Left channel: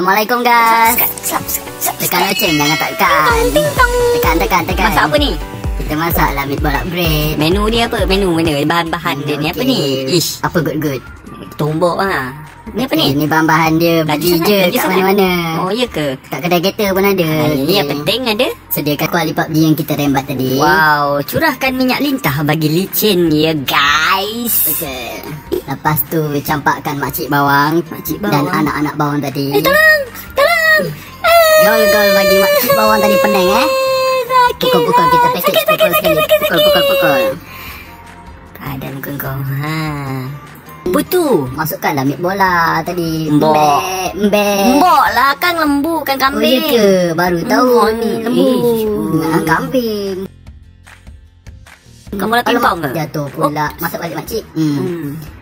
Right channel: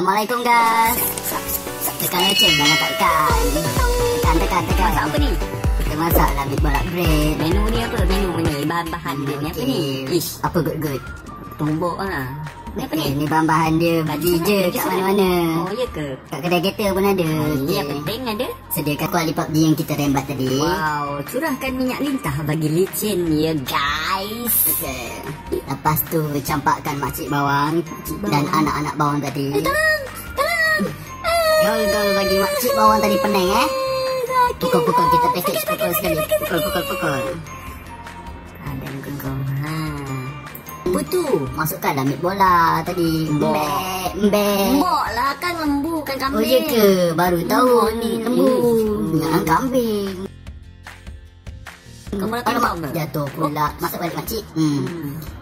Assalamualaikum guys. Tekan loceng, jangan tekan. Tekan. Masak apa ni? Kita masak lah meat bolak bread. Menu ni apa? Menu mana? Bahan-bahan dia ni apa ni? Ish, Apa good? tumbuk lah. Ni apa ni? Ni bahan-bahan dia. Beli je kat mana-mana. Oh, ya ke? Kat kedai kereta pun ada. Ini yang penting ada. Sediakan kuali PUBG yang kita rembat tadi. Wow, curahkan minyak lintah bagi licin ya guys. Okay. Lepas tu campakkan makcik bawang dan anak-anak bawang tadi. Tolong. Gol bagi makcik bawang tadi pening Pukul-pukul kita pesek pukul sekali. Pukul. Ada muka kau. Putu. Masukkan dah meat bola tadi. Mbok. Mbok lah kan lembu kan Oh kambing. ya ke? Baru tahu ni lembu. Kambing. Kamu dah timpang ke? Jatuh pula. Masuk balik makcik.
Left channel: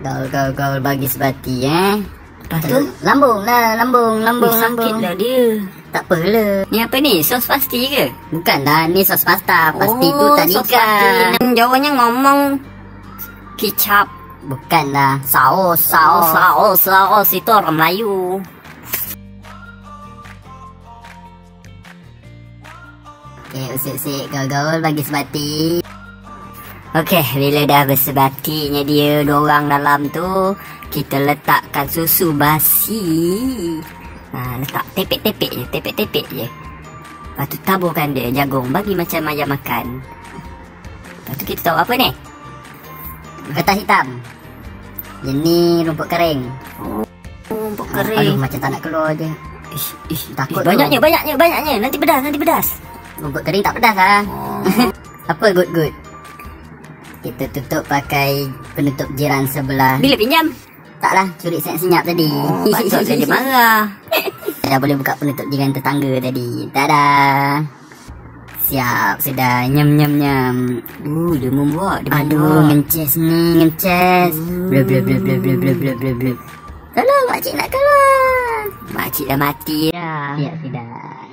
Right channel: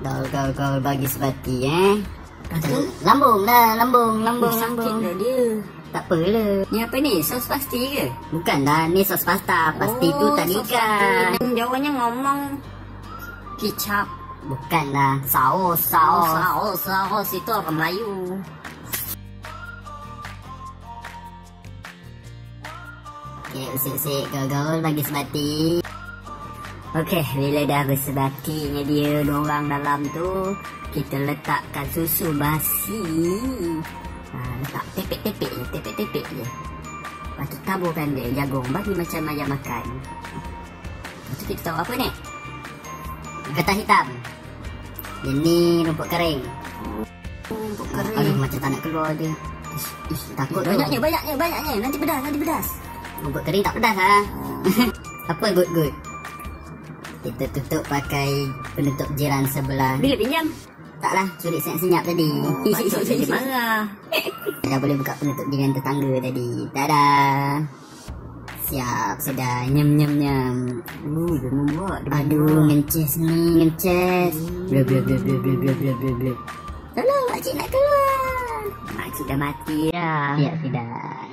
Gaul bagi sebati Lepas tu? Lambung lah. Lambung. Sakit lah dia. Tak apalah. Ni apa ni? Sos pasti ke? Bukan lah. Ni sos pasta. Pasti tu tak sos nikah. pasti. Jawanya ngomong kicap. Bukan lah. Saus. Saus itu orang Melayu. Okay, usik-usik. Gaul bagi sebati. Okey, bila dah bersebatinya dia dorang dalam tu, kita letakkan susu basi. Letak tepek-tepek je. Lepas tu taburkan dia jagung bagi macam ayam makan. Lepas tu kita tahu apa ni? Getah hitam. Ini rumput kering. Rumput Aduh, kering. macam tak nak keluar je. Takut tu. Banyaknya. Nanti pedas. Rumput kering tak pedas lah. Apa good? Kita tutup pakai penutup jiran sebelah. Bila pinjam? Taklah, curi senyap tadi. Patut saja marah. Dah boleh buka penutup jiran tetangga tadi. Tada. Siap, sudah. Nyam. Dia membuat. Aduh, ngences ni. Blub. Tolong, makcik nak keluar. Makcik dah mati dah. Ya, sudah.